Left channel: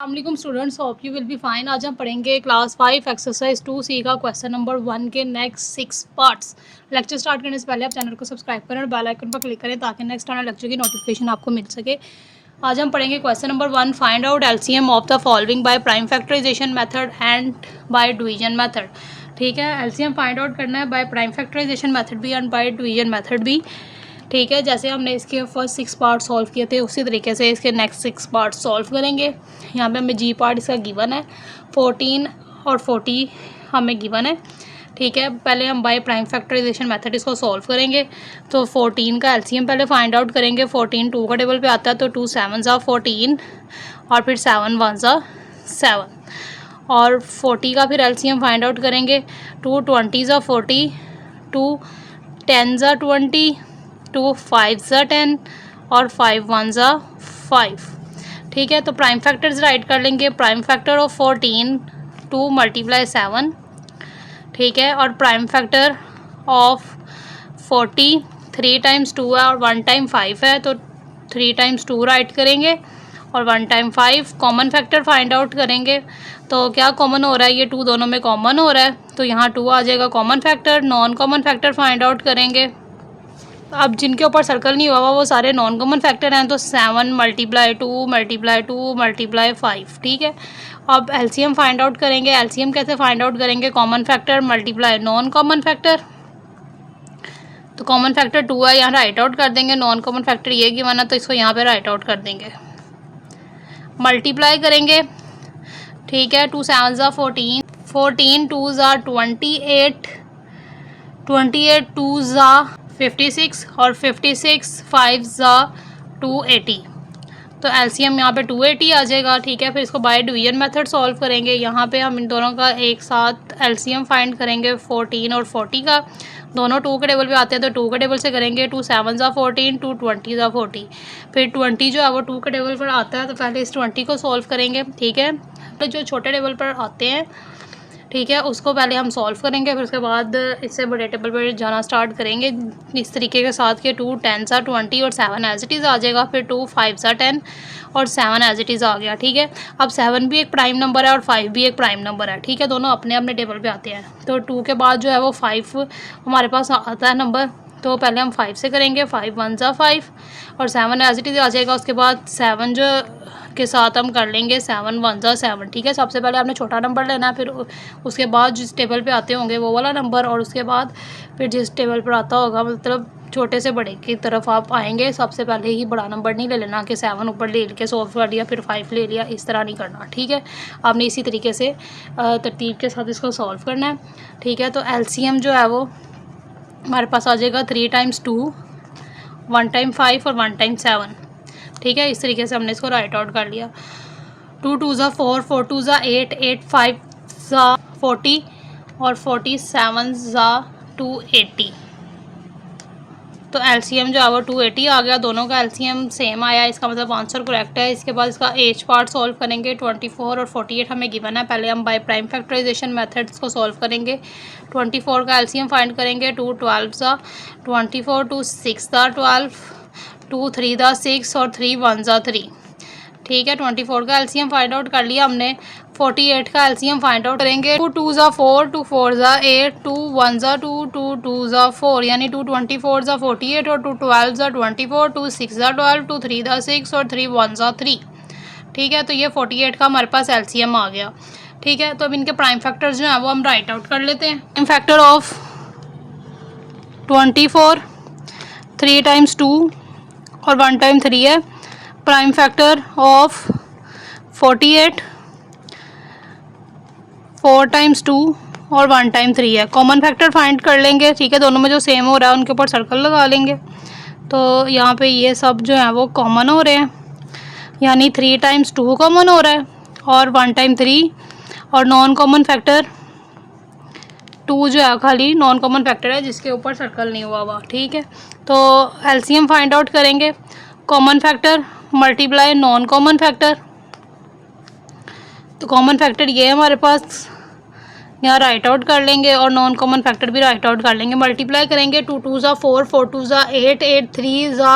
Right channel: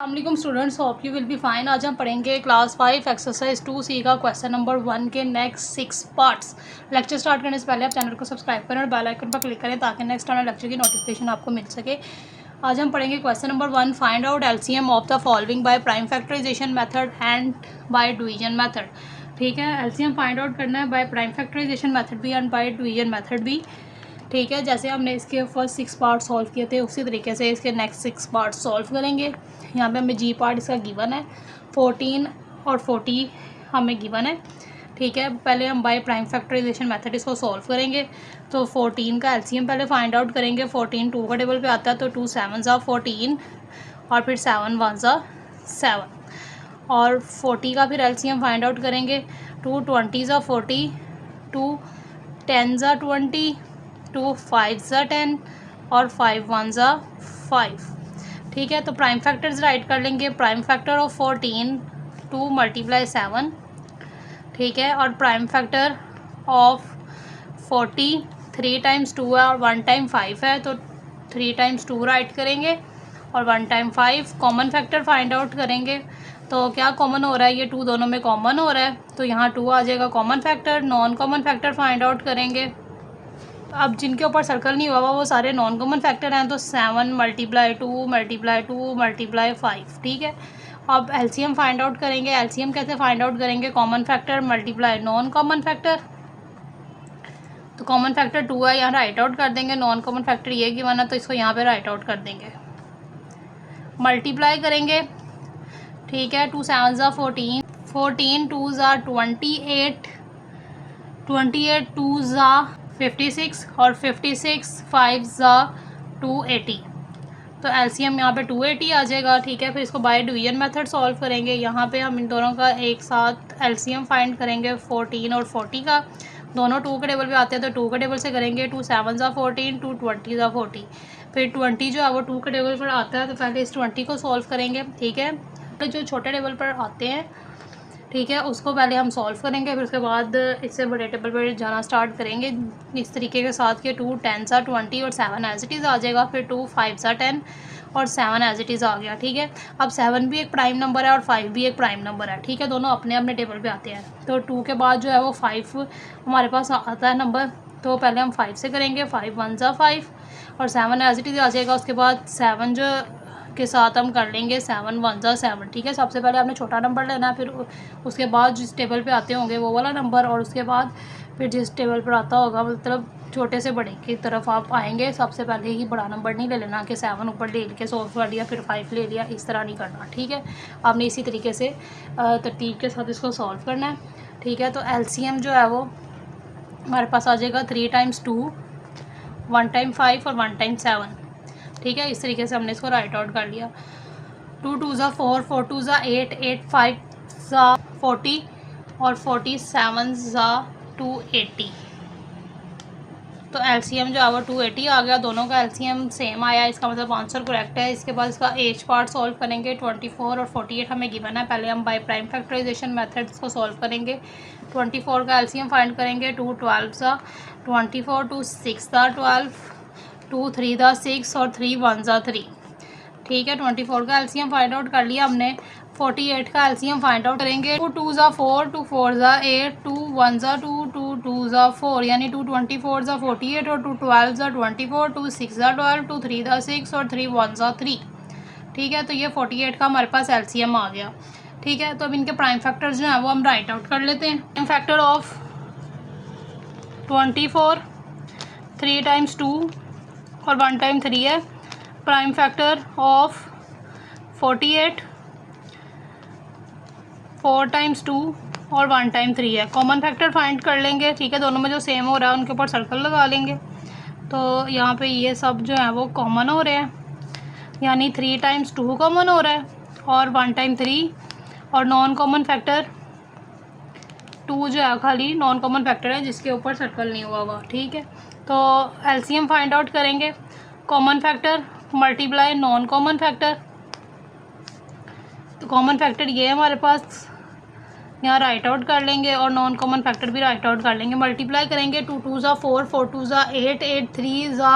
अस्सलाम students, hope you will be fine. आज हम पढ़ेंगे क्लास 5 एक्सरसाइज 2C का क्वेश्चन नंबर 1 के नेक्स्ट 6 पार्ट्स। लेक्चर स्टार्ट करने से पहले आप चैनल को सब्सक्राइब करें और बेल आइकन पर क्लिक करें ताकि नेक्स्ट आने लेक्चर की नोटिफिकेशन आपको मिल सके। आज हम पढ़ेंगे question number 1, find out LCM of the following by prime factorization method and by division method. ठीक है, एलसीएम फाइंड आउट करना है बाय प्राइम फैक्टराइजेशन मेथड भी एंड बाय डिवीजन मेथड भी। ठीक है, जैसे हमने इसके फर्स्ट 6 पार्ट सॉल्व किए थे उसी तरीके से इसके नेक्स्ट 6 पार्ट सॉल्व करेंगे। यहाँ पे हमें जी पार्ट इसका गिवन है, 14 और 40 हमें गिवन है। ठीक है, पहले हम बाय प्राइम फैक्टराइजेशन मेथड इसको सॉल्व करेंगे। तो 14 का एलसीएम पहले फाइंड आउट करेंगे। 14 2 का टेबल पे आता है तो 2 7 ज़ा 14 और फिर 7 1 ज़ा 7 और 40 का फिर एलसीएम फाइंड आउट करेंगे। 2 20 ज़ा 40, 2 10 ज़ा 20, 2 5 ज़ा 10 और 5 1 ज़ा 5। ठीक है, तो प्राइम फैक्टर्स राइट कर लेंगे। Prime factor of 14 2 multiply 7। ठीक है, और प्राइम फैक्टर ऑफ 40 3 टाइम्स 2 है और 1 टाइम 5 है तो 3 टाइम्स 2 राइट करेंगे और 1 time 5। Common factor find out करेंगे तो क्या कॉमन हो रहा है, ये 2 दोनों में कॉमन हो रहा है तो यहाँ 2 आ जाएगा common factor. Non common factor find out करेंगे। अब जिनके ऊपर सर्कल नहीं हुआ वो सारे नॉन कॉमन फैक्टर हैं तो 7 मल्टीप्लाई 2 मल्टीप्लाई 2 मल्टीप्लाई 5। ठीक है, अब एलसीएम फाइंड आउट करेंगे। एलसीएम कैसे फाइंड आउट करेंगे, common factor multiply non common factor. तो कॉमन फैक्टर 2 है, यहाँ राइट आउट कर देंगे। नॉन कॉमन फैक्टर ये गिवन है तो इसको यहाँ पे राइट आउट कर देंगे। मल्टीप्लाई करेंगे। ठीक है, 2 7 ज़ा 14, 14 2 ज़ा 28, 28 2 ज़ा 56 और 56 5 ज़ा 280 तो एलसीएम यहाँ पे 280 आ जाएगा। ठीक है, फिर इसको बाय डिवीजन मेथड सॉल्व करेंगे। यहाँ पे हम इन दोनों का एक साथ एलसीएम फाइंड करेंगे 14 और 40 का। दोनों 2 के टेबल पे आते हैं तो 2 के टेबल से करेंगे। 2 7 ज़ा 14, 2 20 ज़ा 40। फिर 20 जो है वो 2 के टेबल पर आता है तो पहले इस 20 को सॉल्व करेंगे। ठीक है, तो जो छोटे टेबल पर आते हैं ठीक है उसको पहले हम सॉल्व करेंगे, फिर उसके बाद इससे बड़े टेबल पर जाना स्टार्ट करेंगे इस तरीके के साथ कि 2 10 ज़ा 20 और 7 एज इट इज़ आ जाएगा। फिर 2 5 ज़ा 10 और 7 एज इट इज़ आ गया। ठीक है, अब 7 भी एक प्राइम नंबर है और 5 भी एक प्राइम नंबर है। ठीक है, दोनों अपने अपने टेबल पे आते हैं तो 2 के बाद जो है वो 5 हमारे पास आता है नंबर तो पहले हम 5 से करेंगे। 5 1 ज़ा 5 और 7 एज इट इज़ आ जाएगा। उसके बाद 7 जो के साथ हम कर लेंगे 7 1 ज़ा 7। ठीक है, सबसे पहले आपने छोटा नंबर लेना है, फिर उसके बाद जिस टेबल पे आते होंगे वो वाला नंबर और उसके बाद फिर जिस टेबल पर आता होगा मतलब छोटे से बड़े की तरफ आप आएंगे। सबसे पहले ही बड़ा नंबर नहीं ले लेना कि 7 ऊपर ले के सॉल्व कर लिया फिर 5 ले लिया, इस तरह नहीं करना। ठीक है, आपने इसी तरीके से तरतीब के साथ इसको सॉल्व करना है। ठीक है, तो एलसीएम जो है वो हमारे पास आ जाएगा 3 टाइम्स 2, 1 टाइम 5 और 1 टाइम 7। ठीक है, इस तरीके से हमने इसको राइट आउट कर लिया। 2 2 ज़ा 4, 4 2 ज़ा 8, 8 5 ज़ा 40 और 47 ज़ा 280 तो एलसीएम जो है वो 280 आ गया। दोनों का एलसीएम सेम आया, इसका मतलब आंसर करेक्ट है। इसके बाद इसका एच पार्ट सॉल्व करेंगे। 24 और 48 हमें गिवन है। पहले हम बाय प्राइम फैक्टराइजेशन मेथड्स को सॉल्व करेंगे। 24 का एलसीएम फाइंड करेंगे। 2 12 ज़ा 24, 2 6 ज़ा 12, 2 3 ज़ा 6 और 3 1 ज़ा 3। ठीक है, 24 का एलसीएम फाइंड आउट कर लिया हमने। 48 का एलसीएम फाइंड आउट करेंगे। 2 2 ज़ा 4, 2 4 ज़ा 8, 2 1 ज़ा 2, 2 2 ज़ा 4 यानी 2 24 ज़ा 48 और 2 12 ज़ा 24, 2 6 ज़ा 12, 2 3 ज़ा 6 और 3 1 ज़ा 3। ठीक है, तो ये 48 का हमारे पास एलसीएम आ गया। ठीक है, तो अब इनके प्राइम फैक्टर्स जो हैं वो हम राइट आउट कर लेते हैं। प्राइम फैक्टर ऑफ 24 3 टाइम्स 2 और 1 टाइम 3 है। प्राइम फैक्टर ऑफ 48 4 टाइम्स 2 और 1 टाइम 3 है। कॉमन फैक्टर फाइंड कर लेंगे। ठीक है, दोनों में जो सेम हो रहा है उनके ऊपर सर्कल लगा लेंगे तो यहाँ पे ये सब जो है वो कॉमन हो रहे हैं यानी 3 टाइम्स 2 कॉमन हो रहा है और 1 टाइम 3 और नॉन कॉमन फैक्टर 2 जो है खाली नॉन कॉमन फैक्टर है जिसके ऊपर सर्कल नहीं हुआ हुआ। ठीक है, तो एलसीएम फाइंड आउट करेंगे। Common factor multiply non common factor, तो कॉमन फैक्टर ये है हमारे पास, यहाँ राइट आउट कर लेंगे और नॉन कॉमन फैक्टर भी राइट आउट कर लेंगे। मल्टीप्लाई करेंगे। 2 2 ज़ा 4, 4 2 ज़ा 8, 8 3 ज़ा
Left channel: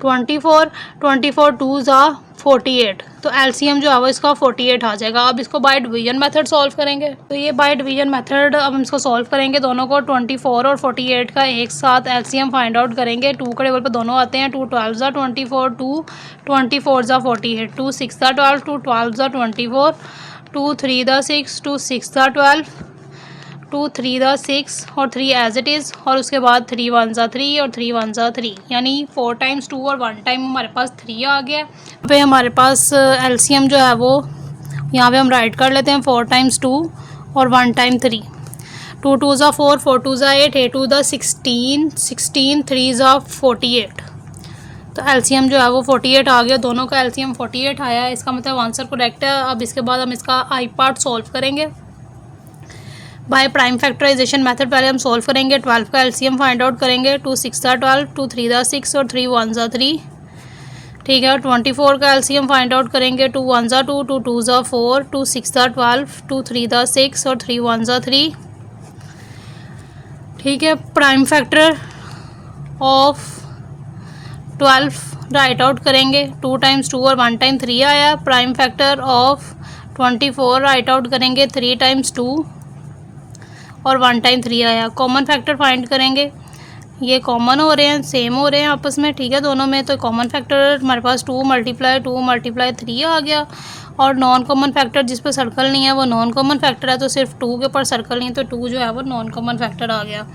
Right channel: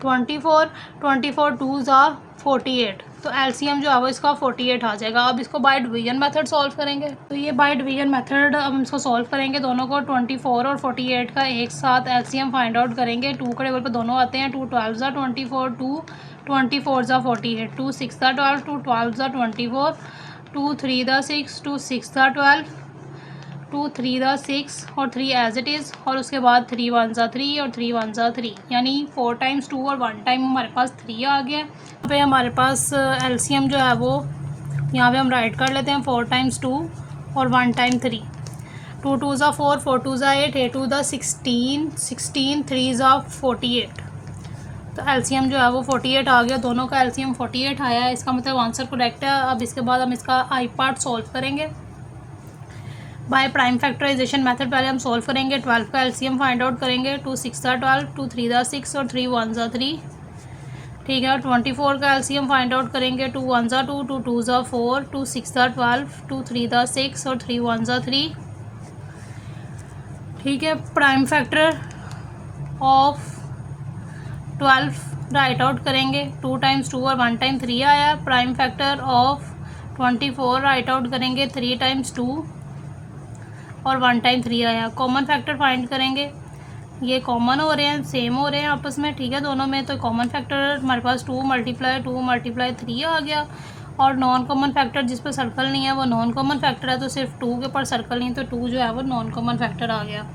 24, 24 2 ज़ा 48, तो एलसीएम जो है वो इसका 48 आ जाएगा। अब इसको बाय डिवीजन मेथड सॉल्व करेंगे, तो ये बाय डिवीजन मेथड अब हम इसको सॉल्व करेंगे। दोनों को 24 और 48 का एक साथ एलसीएम फाइंड आउट करेंगे। 2 के टेबल पे दोनों आते हैं, 2 12 ज़ा 24, 2 24 ज़ा 48, 2 6 ज़ा 12, 2 12 ज़ा 24, 2 3 ज़ा 6, 2 6 ज़ा 12, 2 3 दा 6 और 3 एज इट इज़, और उसके बाद 3 1 ज़ा 3 और 3 1 ज़ा 3, यानी 4 टाइम्स 2 और 1 टाइम हमारे पास 3 आ गया। यहाँ पे हमारे पास एलसीएम जो है वो यहाँ पे हम राइट कर लेते हैं, 4 टाइम्स 2 और 1 टाइम 3, 2 2 ज़ा 4, 4 2 ज़ा 8, 8 2 ज़ा 16, 16 3 ज़ा 48, तो एलसीएम जो है वो 48 आ गया। दोनों का एलसीएम 48 आया है, इसका मतलब आंसर करेक्ट है। अब इसके बाद हम इसका आई पार्ट सॉल्व करेंगे बाय प्राइम फैक्टराइजेशन मेथड। पहले हम सॉल्व करेंगे, 12 का एलसीएम फाइंड आउट करेंगे, 2 6 ज़ा 12, 2 3 ज़ा 6 और 3 1 ज़ा 3, ठीक है। 24 का एलसीएम फाइंड आउट करेंगे, 2 1 ज़ा 2, 2 2 ज़ा 4, 2 6 ज़ा 12, 2 3 ज़ा 6 और 3 1 ज़ा 3, ठीक है। Prime factor of 12 right out करेंगे, 2 टाइम्स 2 और 1 टाइम 3 आया। Prime factor of 24 right out करेंगे, 3 टाइम्स 2 और 1 टाइम 3 आया। कॉमन फैक्टर फाइंड करेंगे, ये कॉमन हो रहे हैं, सेम हो रहे हैं आपस में, ठीक है, दोनों में। तो कॉमन फैक्टर हमारे पास 2 मल्टीप्लाई 3 आ गया, और नॉन कॉमन फैक्टर जिस पर सर्कल नहीं है वो नॉन कॉमन फैक्टर है, तो सिर्फ 2 के ऊपर सर्कल नहीं, तो 2 जो है वो नॉन कॉमन फैक्टर आ गया।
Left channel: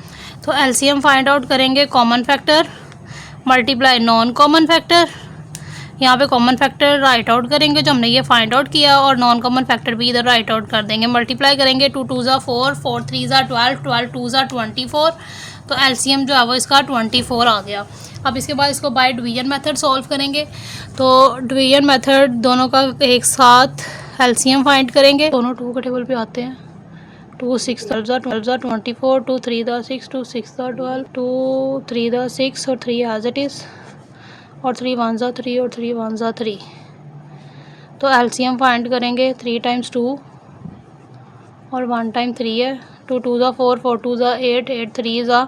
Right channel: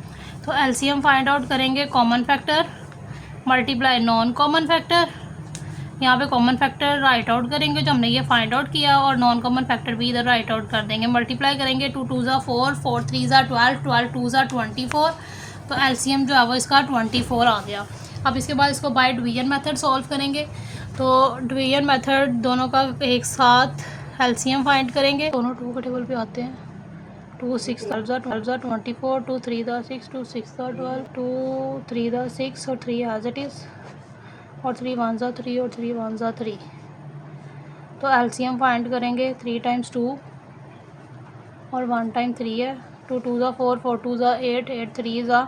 तो एलसीएम फाइंड आउट करेंगे, common factor multiply non common factor, यहाँ पे कॉमन फैक्टर राइट आउट करेंगे जो हमने ये फाइंड आउट किया, और नॉन कॉमन फैक्टर भी इधर राइट आउट कर देंगे। मल्टीप्लाई करेंगे, 2 2 ज़ा 4, 4 3 ज़ा 12, 12 2 ज़ा 24, तो एलसीएम जो है वो इसका 24 आ गया। अब इसके बाद इसको बाय डिवीजन मेथड सॉल्व करेंगे, तो डिवीजन मेथड दोनों का एक साथ एलसीएम फाइंड करेंगे। दोनों 2 के टेबल पे आते हैं, 2 6 12 ज़ा 24, 2 3 ज़ा 6, 2 6 ज़ा 12, 2 3 ज़ा 6 और 3 एज इट इज़, और 3 1 ज़ा 3 और 3 1 ज़ा 3, तो एलसीएम फाइंड करेंगे, 3 टाइम्स 2 और 1 टाइम 3 है, 2 2 ज़ा 4, 4 2 ज़ा 8, 8 3 ज़ा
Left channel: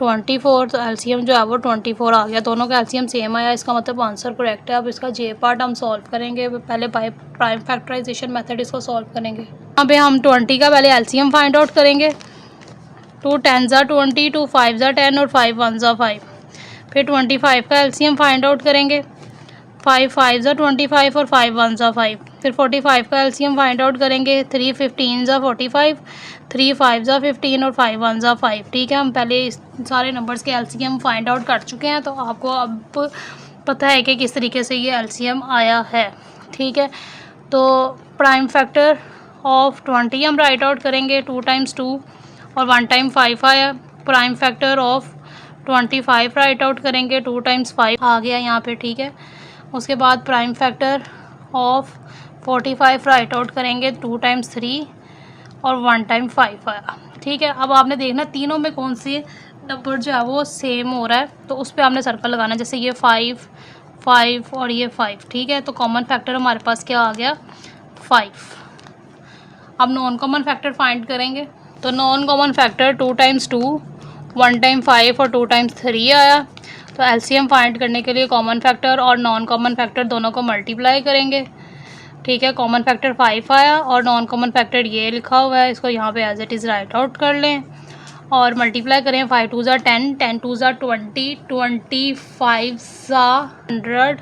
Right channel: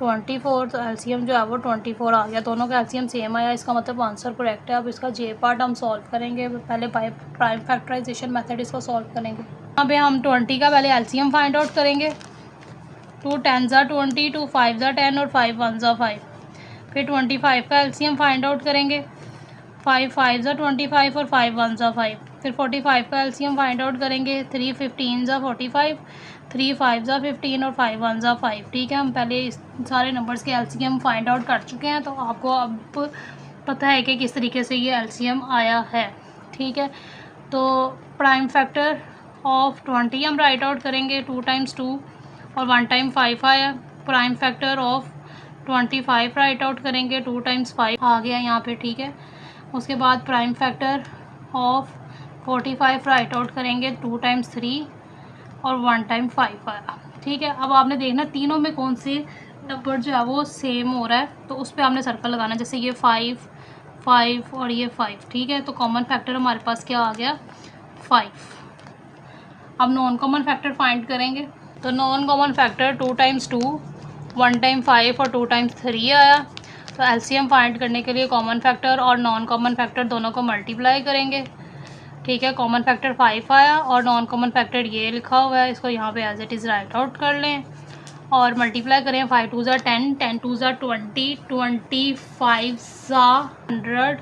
24, तो एलसीएम जो है वो 24 आ गया। दोनों का एलसीएम सेम आया, इसका मतलब आंसर करेक्ट है। अब इसका जे पार्ट हम सॉल्व करेंगे, पहले बाय प्राइम फैक्टराइजेशन मेथड इसको सॉल्व करेंगे। यहाँ पे हम 20 का पहले एलसीएम फाइंड आउट करेंगे, 2 10 ज़ा 20, 2 5 ज़ा 10 और 5 1 ज़ा 5, फिर 25 का एलसीएम फाइंड आउट करेंगे, 5 5 ज़ा 25 और 5 1 ज़ा 5, फिर 45 का एलसीएम फाइंड आउट करेंगे, 3 15 ज़ा 45, 3 5 ज़ा 15 और 5 1 ज़ा 5, ठीक है। हम पहले इस सारे नंबर्स के एलसीएम फाइंड आउट कर चुके हैं, तो आपको अब पता है कि किस तरीके से ये एलसीएम आया है, ठीक है। तो प्राइम फैक्टर ऑफ 20 हम राइट आउट करेंगे, 2 टाइम्स 2 और 1 टाइम 5 आया। Prime factor of 25 right out करेंगे, 2 टाइम्स 5 आ गया यहाँ पे, ठीक है। उसके बाद prime factor of 45 right out करेंगे, 2 टाइम्स 3 और 1 टाइम 5 आया, ठीक है। अब आपने देखना तीनों में कौन से नंबर जो है वो सेम हो रहा है, तो उस पर आपने सर्कल लगाना, जैसे ये 5 5 और ये 5, ठीक है। तो कॉमन फैक्टर हमारे पास क्या आ गया, 5। अब नॉन कॉमन फैक्टर फाइंड करेंगे, तो non common factor 2 times 2, 1 time 5 और 2 टाइम्स 3 आया। तो एलसीएम फाइंड करने के लिए कॉमन फैक्टर और नॉन कॉमन फैक्टर दोनों को मल्टीप्लाई करेंगे, ठीक है। कॉमन फैक्टर 5 आया और नॉन कॉमन फैक्टर ये लिखा हुआ है, इसको यहाँ पे as it is write out कर लें और मल्टीप्लाई करें, 5 2 ज़ा 10, 10 2 ज़ा 20, 25 ज़ा 100,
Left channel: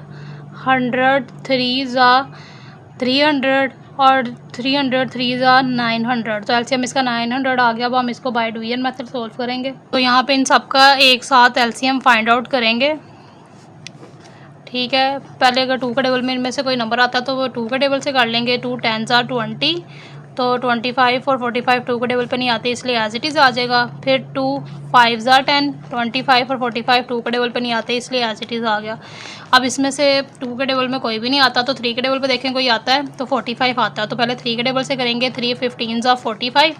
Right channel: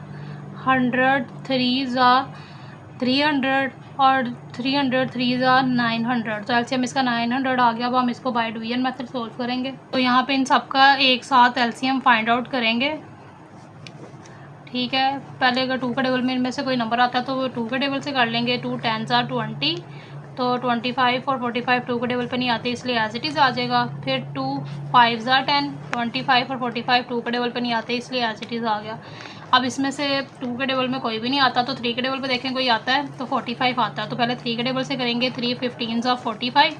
100 3 ज़ा 300 और 300 3 ज़ा 900, तो एलसीएम इसका 900 आ गया। अब हम इसको बाय डिवीजन मेथड सॉल्व करेंगे, तो यहाँ पे इन सब का एक साथ एलसीएम फाइंड आउट करेंगे, ठीक है। पहले अगर 2 के टेबल में इनमें से कोई नंबर आता है तो वो 2 के टेबल से कर लेंगे, 2 10 ज़ा 20, तो 25 और 45 2 के टेबल पे नहीं आते, इसलिए एज इट इज़ आ जाएगा। फिर 2 5 ज़ा 10, 25 और 45 2 के टेबल पे नहीं आते, इसलिए एज इट इज़ आ गया। अब इसमें से 2 के टेबल में कोई भी नहीं आता, तो 3 के टेबल पे देखें कोई आता है, तो 45 आता है, तो पहले 3 के टेबल से करेंगे, 3 15 ज़ा 45,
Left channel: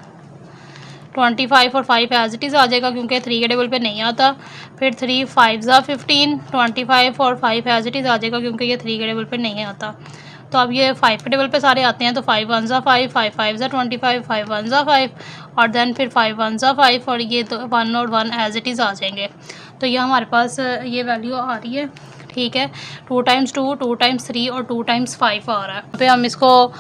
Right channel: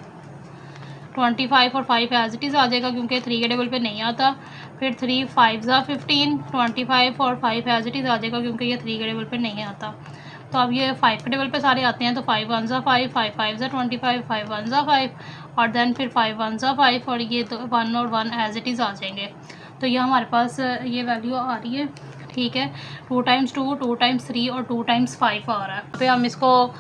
25 और 5 एज इट इज़ आ जाएगा क्योंकि 3 के टेबल पे नहीं आता। फिर 3 5 ज़ा 15, 25 और 5 एज इट इज़ आ जाएगा क्योंकि ये 3 के टेबल पे नहीं आता। तो अब ये 5 के टेबल पे सारे आते हैं, तो 5 1 ज़ा 5, 5 5 ज़ा 25, 5 1 ज़ा 5 और देन फिर 5 1 ज़ा 5 और ये तो 1 और 1 एज इट इज़ आ जाएंगे। तो ये हमारे पास ये वैल्यू आ रही है, ठीक है, 2 टाइम्स 2, 2 टाइम्स 3 और 2 टाइम्स 5 आ रहा है। यहाँ पे हम इसको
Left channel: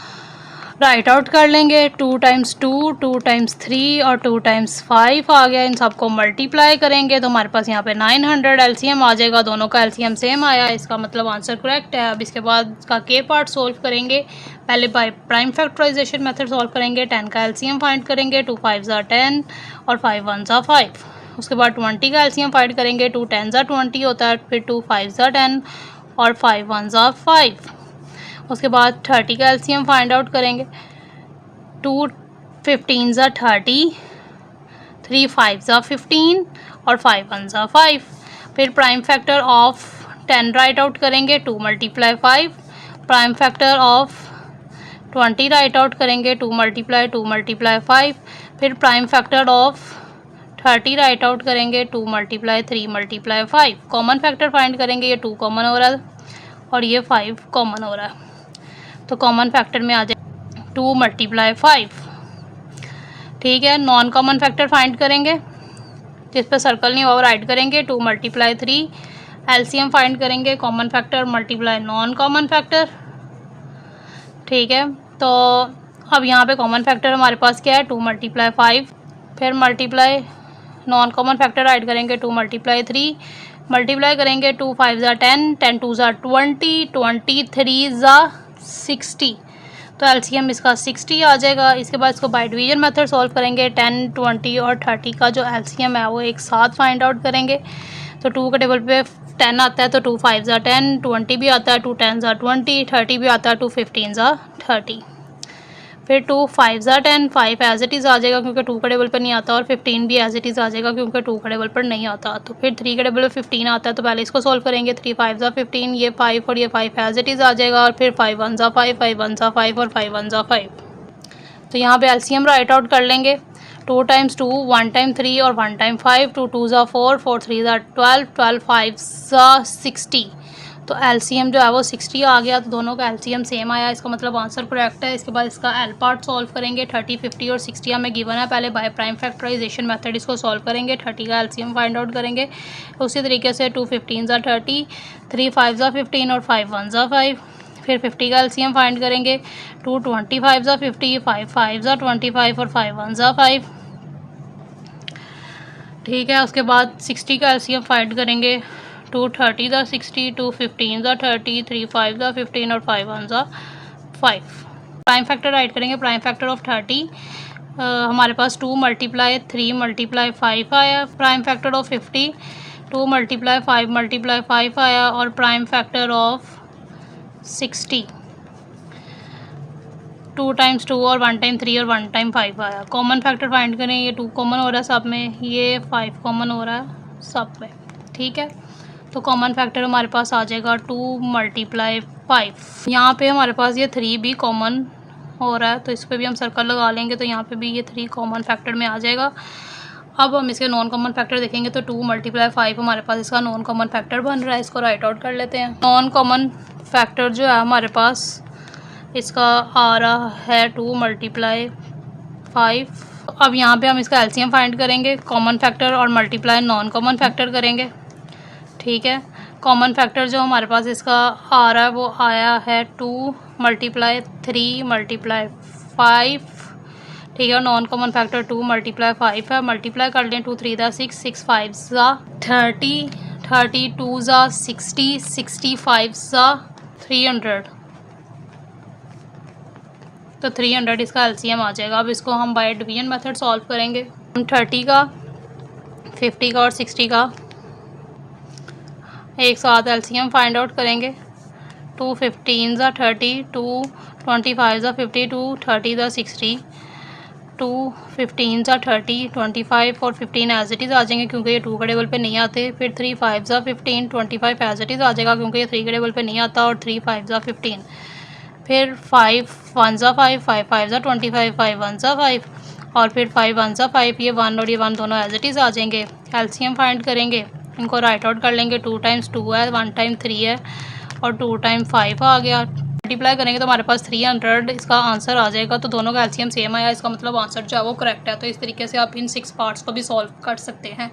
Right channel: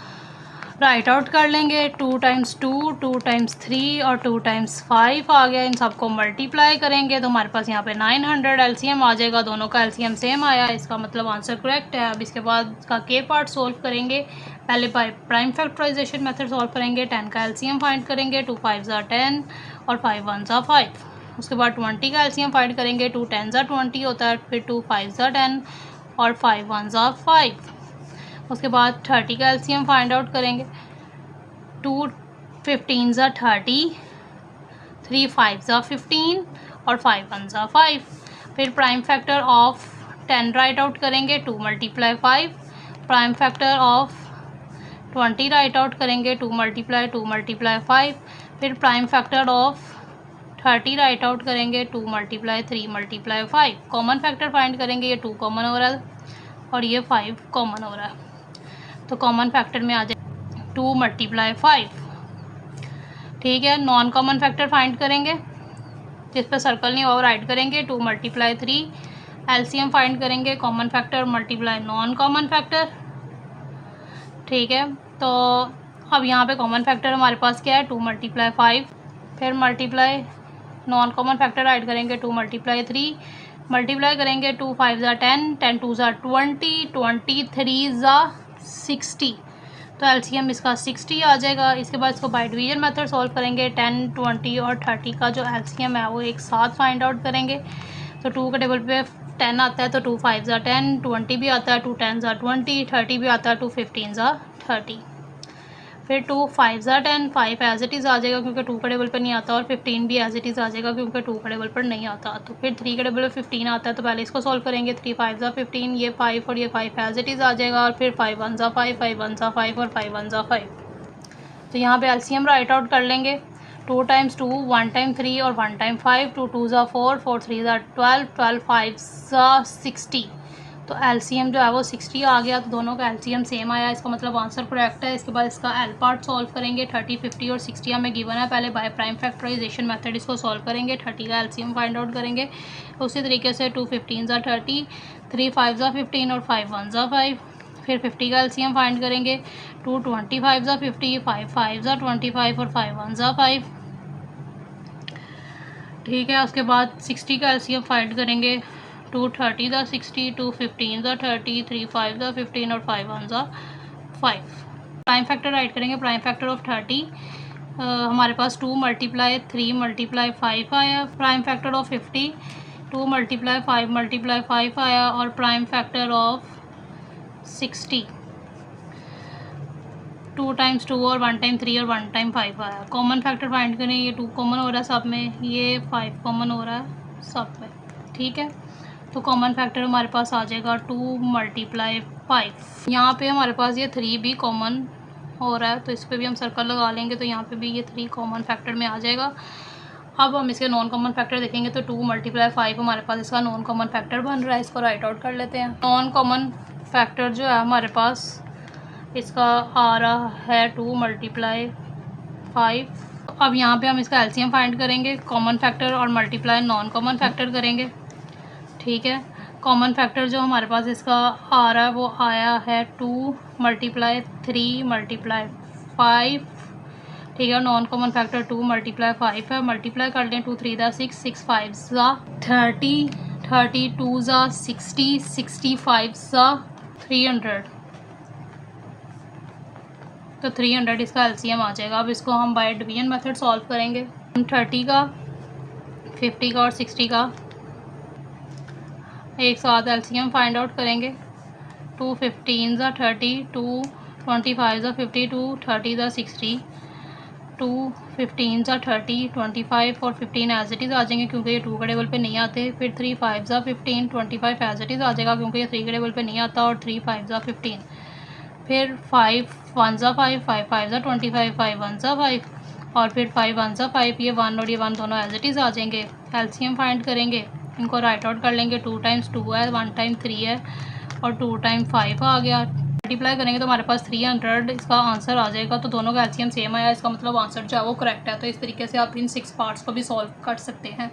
राइट आउट कर लेंगे। 2 टाइम्स 2, 2 टाइम्स 3 और 2 टाइम्स 5 आ गया। इन सबको मल्टीप्लाई करेंगे तो हमारे पास यहाँ पे 900 एलसीएम आ जाएगा। दोनों का एलसीएम सेम आया, इसका मतलब आंसर करेक्ट है। अब इसके बाद इसका के पार्ट सोल्व करेंगे। पहले by prime factorization method solve करेंगे। 10 का एलसीएम फाइंड करेंगे। 2 5 10 और 5 1 5। उसके बाद 20 का एलसीएम फाइंड करेंगे। 2 10 20 होता है, फिर 2 5 10 और 5 1 5। उसके बाद 30 का एलसीएम फाइंड आउट करेंगे। 2 15 30, 3 5 15 और 5 1 5। फिर prime factor of 10 right out करेंगे। 2 multiply 5। Prime factor of 20 right out करेंगे। 2 मल्टीप्लाई 5। फिर prime factor of 30 right out करेंगे। 2 multiply 3 multiply 5। Common factor find करेंगे। ये 2 कॉमन हो रहा है और ये 5 कॉमन हो रहा है, तो कॉमन फैक्टर में आ जाए 2 मल्टीप्लाई 5। ठीक है, नॉन कॉमन फैक्टर फाइंड करेंगे। जिस पे सर्कल नहीं हुआ वो राइट करेंगे। 2 मल्टीप्लाई 3 एलसीएम फाइंड करेंगे। Common factor multiply non common factor. ठीक है, तो अब यहाँ पे कॉमन फैक्टर हमारे पास क्या है, 2 मल्टीप्लाई 5। फिर multiply non common factor right करेंगे। 2 मल्टीप्लाई 3 मल्टीप्लाई करेंगे। 2 5 10, 10 2 20, 23 60। तो एलसीएम इसका 60 आ जाएगा। इसके बाद इसको बाय डिवीजन मेथड सॉल्व करेंगे। 10 20 और 30 का जो एलसीएम है वो एक साथ फाइंड आउट करेंगे। तो 2 के टेबल पे 10 आता है तो 2 5 10, 20 भी आता है, 2 10 20, 30 भी आता है, 2 15 30। फिर 2 5 10, 5 एज इट इज़ आ जाएगा क्योंकि 2 का टेबल पर नहीं आता, और 15 भी एज इट इज़ आ जाएगा क्योंकि 2 का टेबल पर नहीं आता। तो फिर 3 का टेबल पर 15 आता है, तो पहले इसको सॉल्व करेंगे। 3 5 15, ये 5 और ये 5 एज इट इज़ आ जाएगा। और फिर 5 1 5, 5 1 5 और 5 1 5। तो यहाँ पे एलसीएम राइट आउट कर लेंगे। 2 टाइम्स 2, 1 टाइम 3 और 1 टाइम 5, 2 2 4, 4 3 12, 12 5 60। तो एलसीएम जो है वो 60 आ गया। तो दोनों का एलसीएम सेम आया, इसका मतलब आंसर करेक्ट है। इसके बाद इसका एल पार्ट सॉल्व करेंगे। 30 50 और 60 हमें गिवन है। पहले बाय प्राइम फैक्टराइजेशन मेथड इसको सॉल्व करेंगे। 30 का एलसीएम फाइंड आउट करेंगे। उसी तरीके से 2 15 30, 3 5 15 और 5 1 5। फिर 50 का एलसीएम फाइंड करेंगे। 2 25 50, 5 5 25 और 5 1 5। ठीक है, उसके बाद 60 का एलसीएम फाइंड करेंगे। 2 30 60, 2 15 30, 3 5 15 और 5 1 5। प्राइम फैक्टर राइट करेंगे। प्राइम फैक्टर ऑफ 30 हमारे पास 2 मल्टीप्लाई 3 मल्टीप्लाई 5 आया। Prime factor of 50 2 multiply 5 multiply 5 आया। और प्राइम फैक्टर ऑफ 60 2 टाइम्स 2 और 1 टाइम 3 और 1 टाइम 5 आया। कॉमन फैक्टर फाइंड करें। ये 2 कॉमन हो रहा है सब में, ये 5 कॉमन हो रहा है सब में। ठीक है, तो कॉमन फैक्टर हमारे पास आ जाएगा 2 मल्टीप्लाई 5। यहाँ पे हमारे पास ये 3 भी कॉमन हो रहा है, तो इस पर भी हम सर्कल लगा लेंगे। तो यहाँ पे भी ये 3 कॉमन फैक्टर में आ जाएगा। अब हम इसके नॉन कॉमन फैक्टर देखेंगे। तो 2 मल्टीप्लाई 5 हमारे पास इसका नॉन कॉमन फैक्टर बन रहा है। इसको राइट आउट कर लेते हैं। नॉन कॉमन फैक्टर जो है हमारे पास इसका आ रहा है 2 मल्टीप्लाई 5। अब यहाँ पे हम इसका एलसीएम फाइंड करेंगे। कॉमन फैक्टर और मल्टीप्लाई नॉन कॉमन फैक्टर करेंगे। ठीक है, कॉमन फैक्टर जो हमारे पास इसका आ रहा है वो आया है 2 मल्टीप्लाई 3 मल्टीप्लाई 5। ठीक है, नॉन कॉमन फैक्टर 2 मल्टीप्लाई 5 है। मल्टीप्लाई कर लें। 2 3 6, 6 5 30, 32 60, 65 300। तो 300 इसका एलसीएम आ जाएगा। अब इसको हम बाय डिवीजन मेथड सॉल्व करेंगे। हम 30 का 50 का और 60 का एक साथ एलसीएम फाइंड आउट करेंगे। 2 15 30, 2 25 50, 2 30 60, 2 15 30, 25 और 15 एज इट इज़ आ जाएंगे क्योंकि ये 2 के टेबल पे नहीं आते। फिर 3 5 15, 25 एज इट इज़ आ जाएगा क्योंकि ये 3 के टेबल पे नहीं आता। और 3 5 15। फिर 5 1 5, 5 5 25, 5 1 5 और फिर 5 1 5। ये 1 और ये 1 दोनों एज इट इज़ आ जाएंगे। एलसीएम फाइंड करेंगे, इनको राइट आउट कर लेंगे। 2 टाइम्स 2 है, 1 टाइम 3 है और 2 टाइम 5 आ गया। मल्टीप्लाई करेंगे तो हमारे पास 300 इसका आंसर आ जाएगा। तो दोनों का एलसीएम सेम आया, इसका मतलब आंसर जो है वो करेक्ट है। तो इस तरीके से आप इन 6 पार्ट्स को भी सॉल्व कर सकते हैं।